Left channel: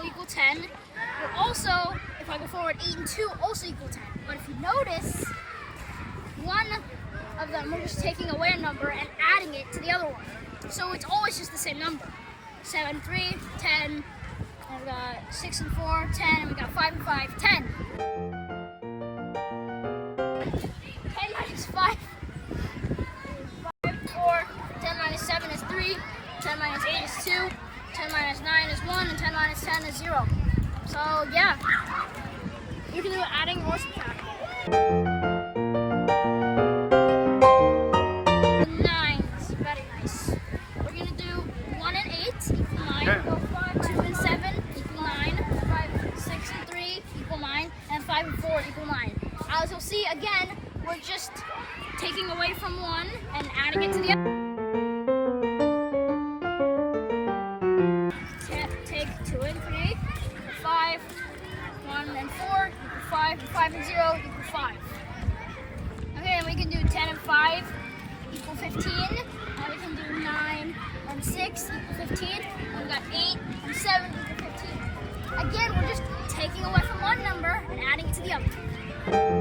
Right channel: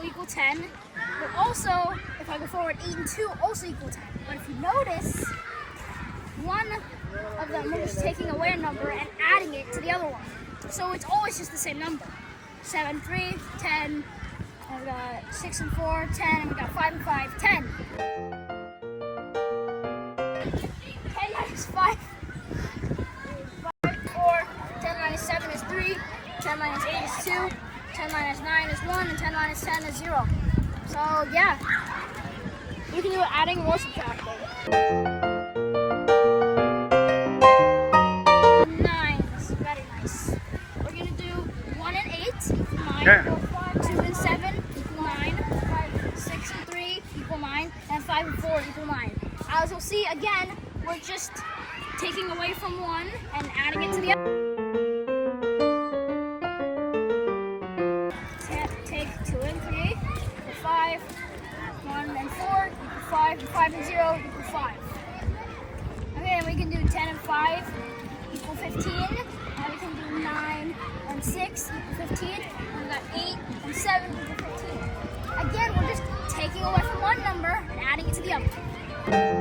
will equal 10. But also, if I go forward, 8 and 2 also equal 10. But if you notice, one of them, we're just taking away a number and adding it to the other one. So it's always just the same number. 7, 3, 10, and we got 6 and 4, 10, and we got 5 and 5, 10. 10 minus 5 is 4, 10 minus 7 is 3, 10 minus 8 is 2, 10 minus 9 is 1, and 10 minus 10 is 0. So yeah, we can do adding or subtracting. 9 is very nice. We're going to do 1 and 8 equal 9, Yeah. 2 and 7 equal 9, 6 and 3 equal 9, and 5 and 4 equal 9. As you'll see, again, we're just taking away from one and adding it to the other. Take 2 and 3 equal 5, 1 and 4 equal 5, and 5 and 0 equal 5. Okay, and we can do 10 and 5 equal 15, and we can do 9 and 6 equal 15, and we got 8 and 7 equal 15. Again, we're just taking away from one number and adding it to the other.